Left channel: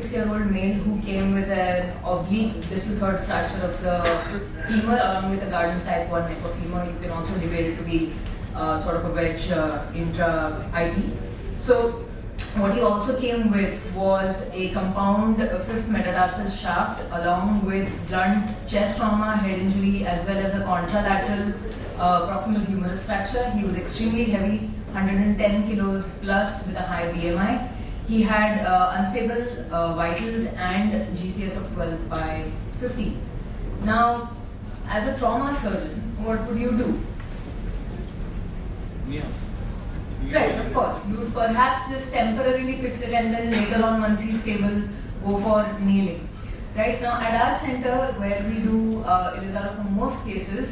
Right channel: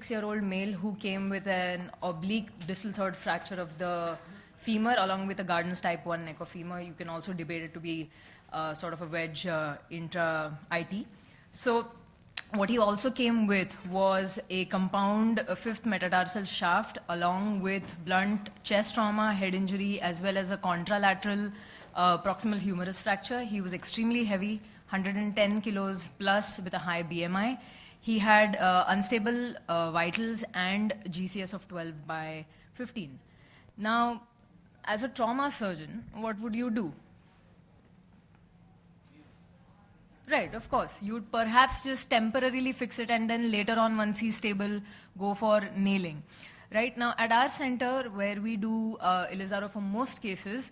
26-year-old male who came with an oblique distal third fracture of the femur along with a Gardner's type 1 neck of femur. You can also divide it to be sort of a wedge intra-IP. So what he also came with was a compound 5th metatarsal shaft along with blunt chest trauma, head injury, as well as a contralateral proximal humerus fracture. He was extremely heavy, 110 kilos plus with a high BMI. He had unstable vitals and GCS of 12 by 50. Now, as a trauma surgeon, what would you do? Yeah. Right, of course. You would perhaps just temporarily fix it and then later on, once he's stable, go for nailing. Right now, at our center, where we do Ilizarov for most cases,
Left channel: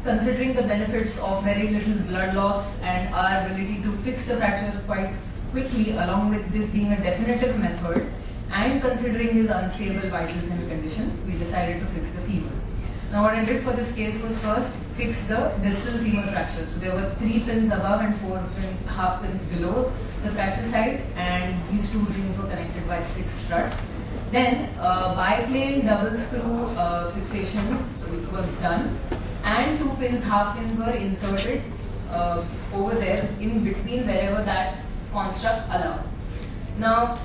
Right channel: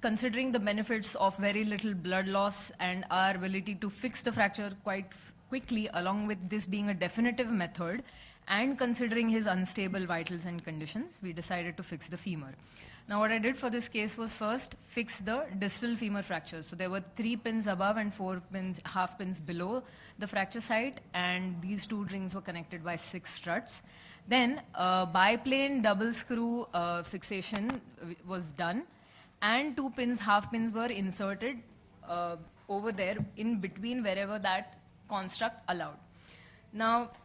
considering the benefits of very little blood loss and our ability to fix the fracture quite quickly, along with this being a definitive method, and considering his unstable vitals and conditions, we decided to fix the femur. Now, what I did for this case was first fix the distal femur fracture. So there were 3 pins above and 4 pins, half pins below the fracture site, and these 2 rings were connected by 6 struts. Then biplane double screw fixation was done, and 2 pins, half pins were inserted over there in between wherever that construct allowed. Now,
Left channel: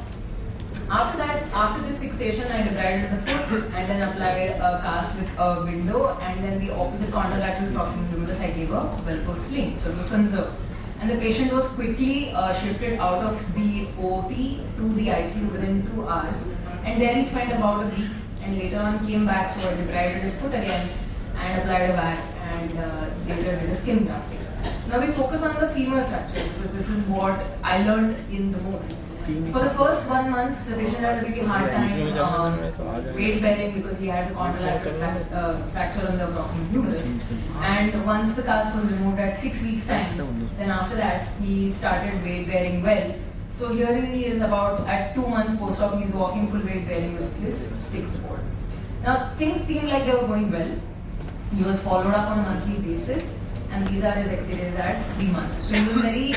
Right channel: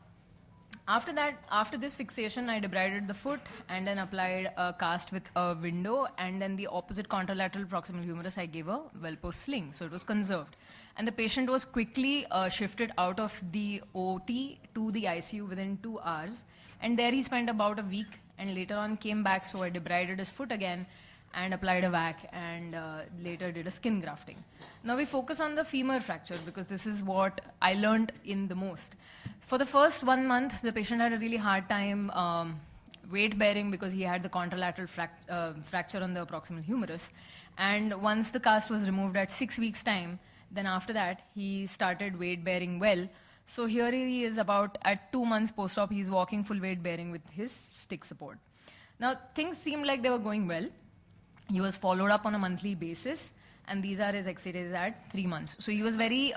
after this fixation, I debrided the foot and then applied a cast with a window, and then the opposite contralateral proximal humerus I gave a Velcro sling, so it was conserved. And the patient was quickly shifted out of the OT to the ICU within 2 hours. And there he spent about a week, and later on came back, so I debrided his foot again and applied a bag, and later did a skin grafting. Now we focus on the femur fracture because this is what I learned in the most. For the first 1 month, the patient had a really hard time weight bearing because he had a contralateral fracture on the proximal humerus. And once the cast was removed at 6 weeks' time, then after that he started weight bearing well. So here he is about at 2 months post-op, he is walking full weight bearing with his stick support. Now things seemed like they were going well. He was followed up on a monthly basis, and these are his X-rays at 3 months. So he was very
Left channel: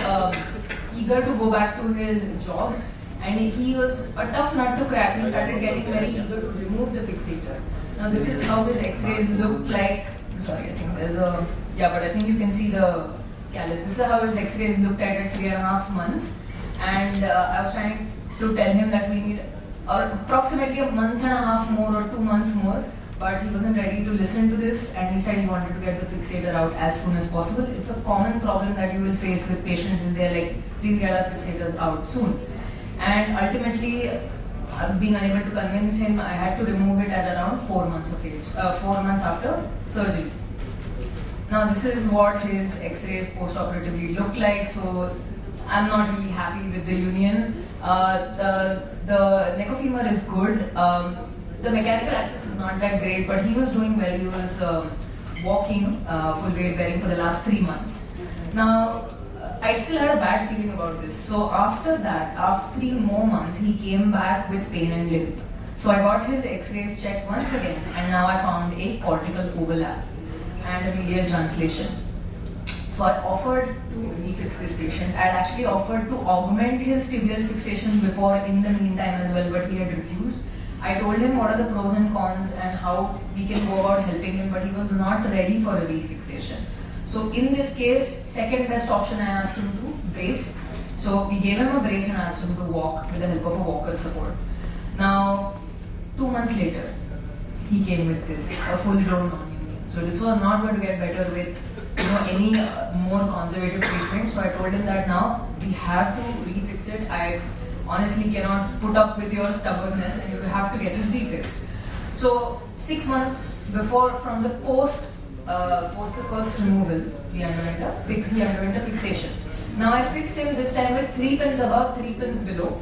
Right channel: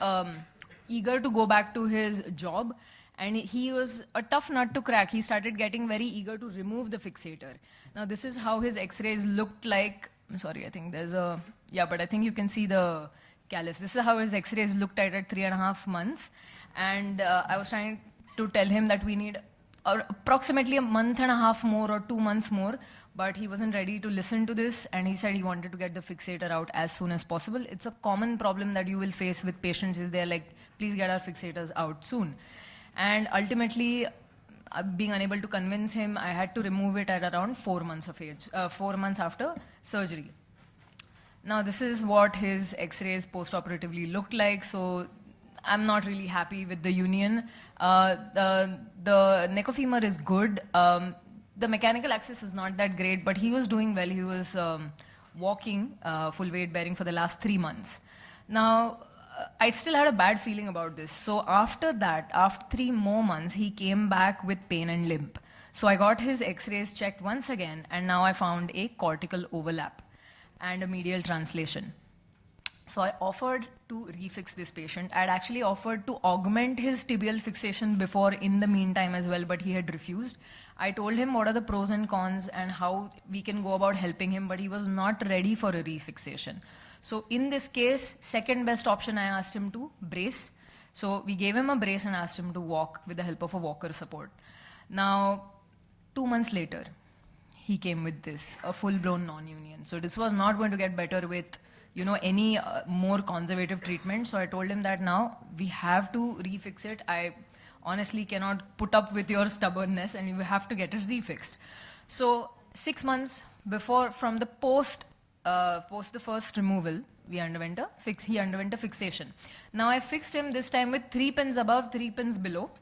eager to go back to his job, and he was a tough nut to crack. He started getting very eager to remove the fixator. Now this is how his X-rays looked like. Sorry, I think there's a, but I think you can see the callus. This is how his X-rays looked at 3.5 months. And I was trying to tell him that we need approximately a month and a half more or 2 months more, but he wasn't ready to listen to this, and he said he wanted to get the fixator out as soon as possible. It's a common problem that you will face with patients when they're like, please get our fixators out soon. And ultimately, being unable to convince him, I had to remove it at around 4 months of age, 4 months after surgery. Now this is what his X-rays post-operatively looked like. So I'm not really happy with the union. The neck of femur is good. The mechanical access is not that great, but he was doing well. He was walking full weight bearing for the last 3 months. Now, I still had a bad feeling about this. So after that, after 3 more months, he came back with pain and limp. So I got his X-rays checked once again, and now I found a cortical overlap and a medial translation. So I offered to refix this patient. I had actually offered to augment his tibial fixation before in the meantime as well, but he had refused. I told him what are the pros and cons and how we can go about helping him, but he was not ready for a refixation. So in this case, second best option, I asked him to brace. So we gave him a brace and asked him to walk with the help of a walker support. Now, 2 months later, he came with this, a full-blown nonunion. So this was not going to get better with any more conservative treatment. So I told him that now we have to refix it. I honestly cannot put up with your stubbornness, and you have to get it refixed. So 6 months before, from the post the first removal, he underwent a fixation. Now I fixed him this time with 3 pins above, 3 pins below,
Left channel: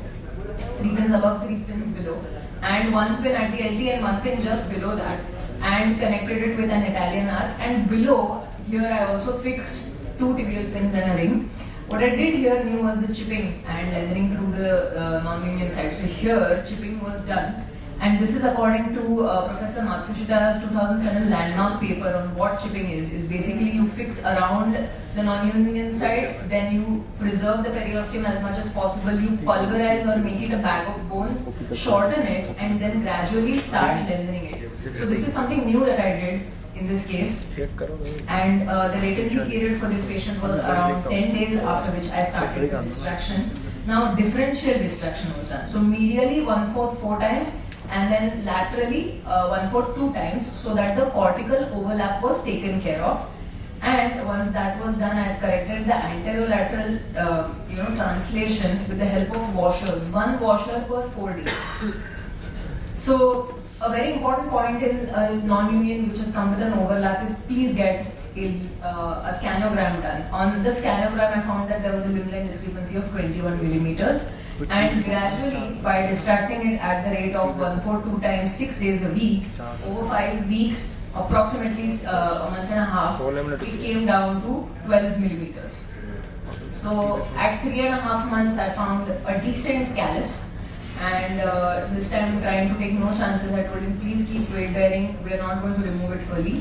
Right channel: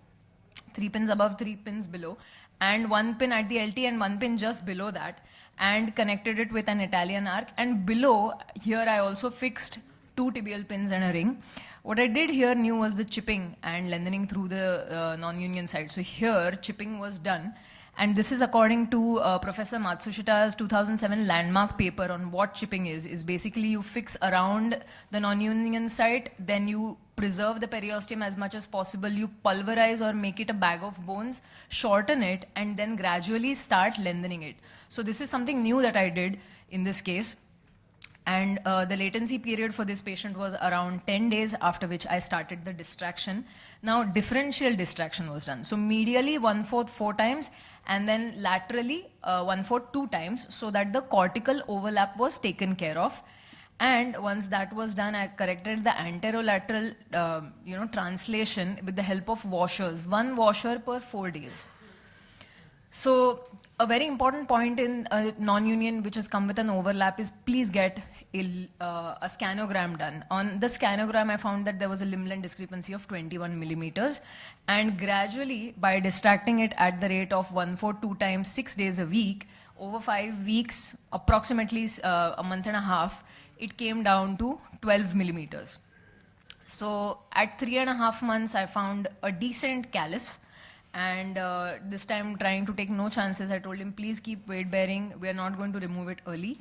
3 pins above, 3 pins below, and 1 pin at the LT and 1 pin just below that, and connected it with an Italian arc. And below here I also fixed 2 tibial pins and a ring. What I did here was the chipping and leathering through the non-union side. So here chipping was done, And this is according to Professor Matsushita's 2007 landmark paper on what chipping is basically you fix around the non-union side, then you preserve the periosteum as much as possible, you pulverize or make it a bag of bones, shorten it, and then gradually start lengthening it. So this is something new that I did in this case, and the latency period for this patient was around 10 days, after which I started distraction. Now differential distraction was done. So medially 1/4 4 times, and then laterally 1/4 2 times, so that the cortical overlap was taken care of. And once that was done, I corrected the anterolateral translation with the help of washers, 1 washer per 4 days. So a very important point in non-union which has come with an overlap is please get a scanogram done. On the scanogram, I found that there was a limb line discrepancy of 21 millimeters. And gradually, by distracting it at the rate of 1/4 2 times 6 days a week, over 5 weeks, approximately a month and a half, it came down to 12 millimeters. So at 3.5 months, I found a decent callus. And this time, trying to take no chances, I told him, please keep weight bearing, we're not going to remove it fully.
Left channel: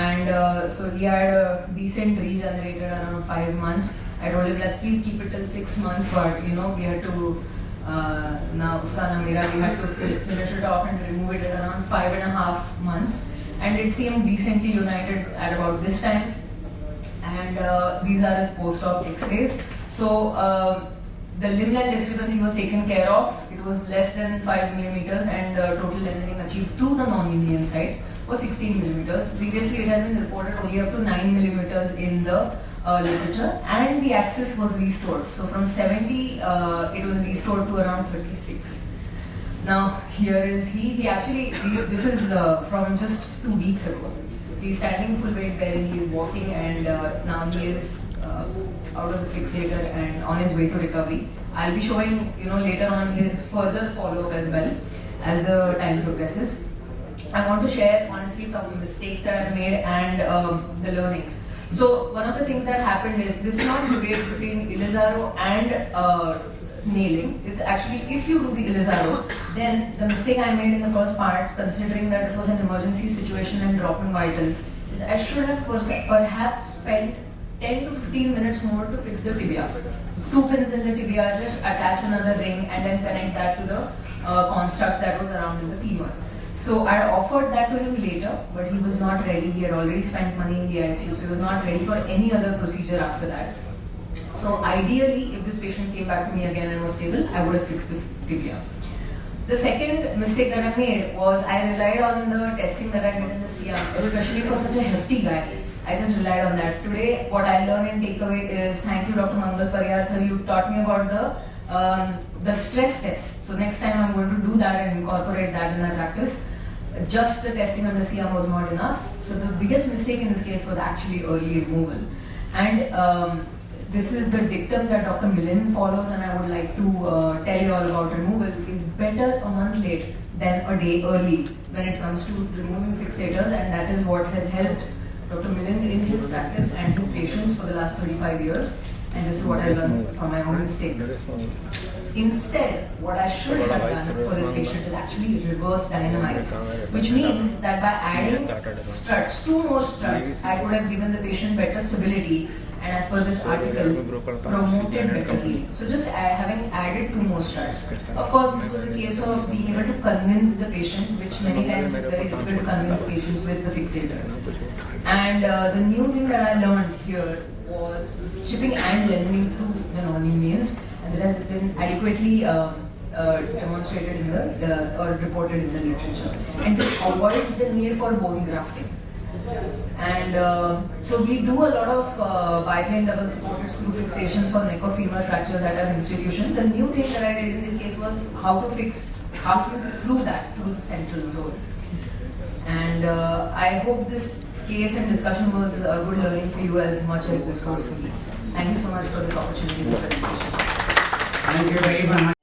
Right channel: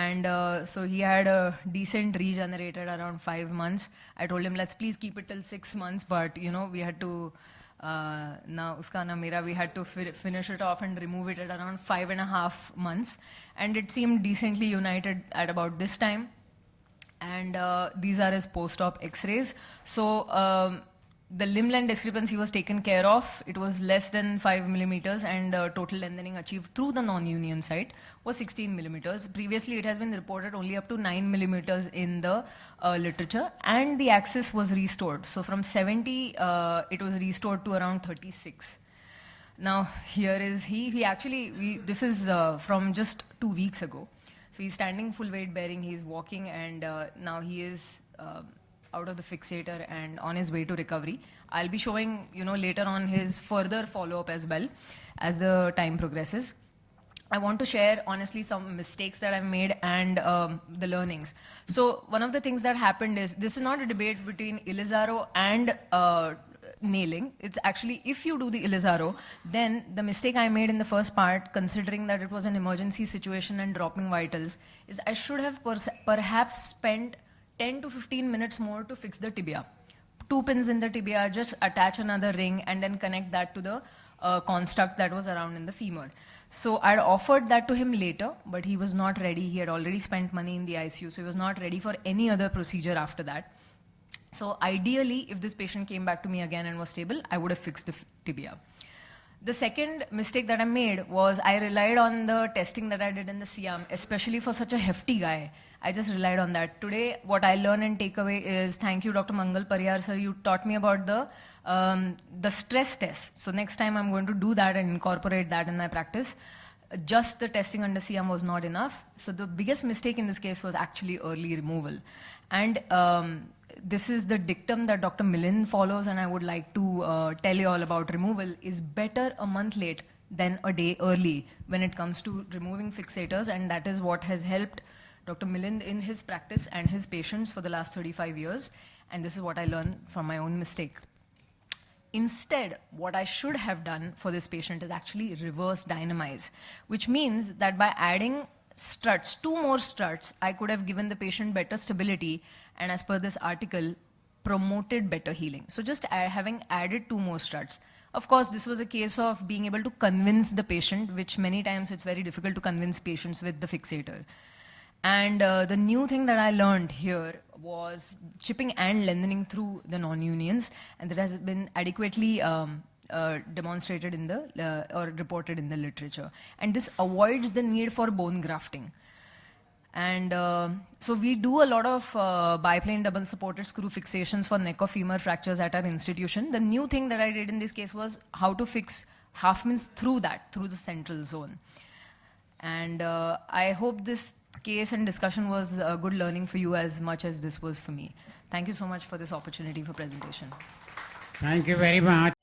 And so he had a decent regenerated around 5 months. I told him, let's please keep it till 6 months, but we had to we had to finish it off and remove it at around 5.5 months. And it seemed decently united at about this time. And these are his post-op x-rays. So the limb length discrepancy was taken care of. It was less than 5 millimeters, and total lengthening achieved through the non-union side was 16 millimeters. Previously, it has been reported only up to 9 millimeters in the literature, and the axis was restored. So from 70, it was restored to around 36. Now here is this is from just 2 weeks ago. So he's standing full weight bearing, he's walking, and now he is out of the fixator and on his way to recovery. I'll be showing later on his further follow-up as well as the time progresses. I want to share honestly some of the mistakes that I've made and the learnings. So one of the things that happened is, this is not a debate between Ilizarov and nailing. It's actually, if you do the Ilizarov, then the mistake I made in the first part, considering that it was an emergency situation and dropping vitals, is I should have perhaps spent 10 to 15 minutes more to fix the tibia. 2 pins in the tibia, just attach another ring and then connect that to the construct that was around in the femur. So I offered that to him later, but he was not ready. He had already spent money in the ICU, so he was not ready for any other procedure after that. So ideally, if this patient came back to me again and was stable, I would have fixed the tibia. The second mistake that I made was I relied on the testing that I did in the CR, especially for such a hefty guy. I just relied on that. Today, what I learned and take away is, thank you, Dr. Mangal Pariyar, sir, you taught me about the stress test. So next time I'm going to do that and incorporate that in my practice. Just the testing on the CM was not enough. So the biggest mistake in this case was actually early removal. And this is the dictum that Dr. Millen follows, and I would like to tell you all about removal. Is better a month late than a day early when it comes to removing fixators, and that is what has helped Dr. Millen in his practice and his patients for the last 35 years. And this is what I learned from my own mistake. Instead, what I should have done for this patient is actually reverse dynamize, which means that by adding struts, 2 more struts, I could have given the patient better stability, and as per this article, promoted better healing. So just having added 2 more struts. Of course, this was a case of being able to convince the patient, which many times it's very difficult to convince patients with the fixator. And the new thing that I learned here was chipping and lengthening through the non-unions, and that has been adequately demonstrated in or reported in the literature. And this avoids the need for bone grafting. And so we do a lot of biplane double supported screw fixations for neck or femur fractures at our institution. The new thing that I did in this case was how to fix half inch through the central zone. And I hope this case and discussion was a good learning for you as much as this was for me. Thank you so much for this opportunity for presentation. Thank you very much.